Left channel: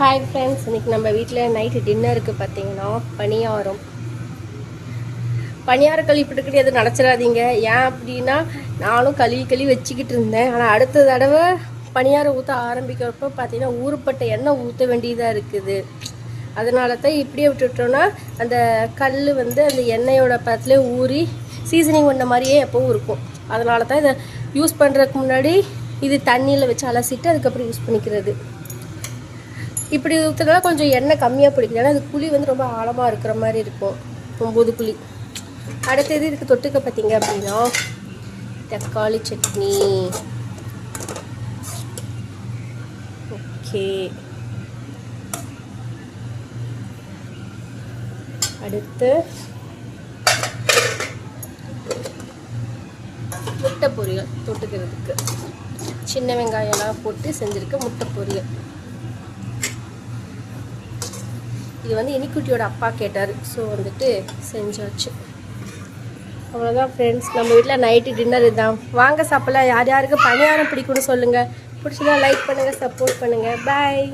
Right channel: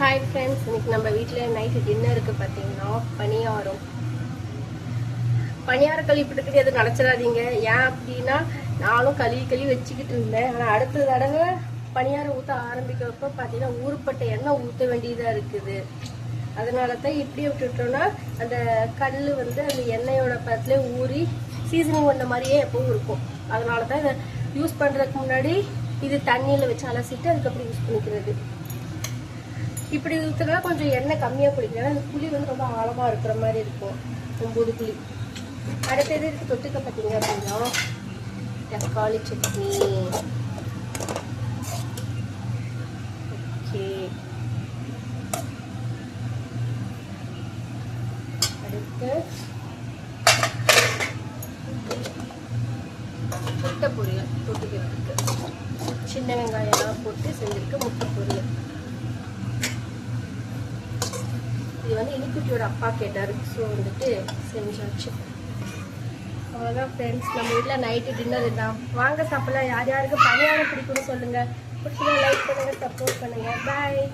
Hi friends, இன்றைக்கி நம்ம வீட்டில் நைட்டு டின்னருக்கு பார்த்தீங்கன்னா பணியாரம் கழுவிட்டு கிடையாது நினச்சிடாதீங்க. ஏன் அப்படின்னா நானும் கழுவி வச்சுக்கிட்டு இருந்தேன். ஆனால் அடுத்த தடவை பணியாரம் ஊற்ற ஆரம்பிக்கிறப்போ பார்த்தீங்கன்னா ஊறுப்பட்ட எண்ணெய் ஊற்ற வேண்டியதாக இருக்குது. அதனால தான் இப்படியே விட்டுட்டோன்னா அந்த கல் வந்து அந்த எண்ணெயோட பக்கத்துலேயே ஊறி சீசனிங் பண்ண மாதிரியே எப்போவும் இருக்கும். அதனால தான் இதை யூஸ் பண்ணுறதுக்கு முன்னாடி இது தண்ணியில் வச்சு அலசிட்டு அதுக்கப்புறம் யூஸ் பண்ணிக்கிறது. இப்படி ஊற்றுனால கொஞ்சம் எண்ணெய் கம்மியாக பிடிக்கும். ஏன்னா அது குழி வந்து ரொம்ப ஆழமாக இருக்கிற மாதிரி இருக்கும், 9 குழி. அடுத்தது இதுக்கு தொட்டுக்க பார்த்தீங்க அப்படின்னா தக்காளி சட்னி. ஓகே, அடுத்து முட்டை பொரியல் தொட்டுக்கிறதுக்கு சின்ன வெங்காயம்லாம் போட்டு செஞ்சுருக்க முட்டை பொரியல். இது வந்து இனிக்குட்டியோட அப்பா கேட்டார், ஸோ வந்துட்டு செஞ்சாச்சு. அவ்வளோதான் ஃப்ரெண்ட்ஸ், நம்ம வீட்டில் நைட்டு டின்னர் இதுதான். வாங்க சாப்பிடலாம். யார் யாருக்கு பணியாரம் பிடிக்கும்னு சொல்லுங்கள். பிடிச்சதா லைக் பண்ணுங்கள், சப்போர்ட் பண்ணுங்கள். பாய்.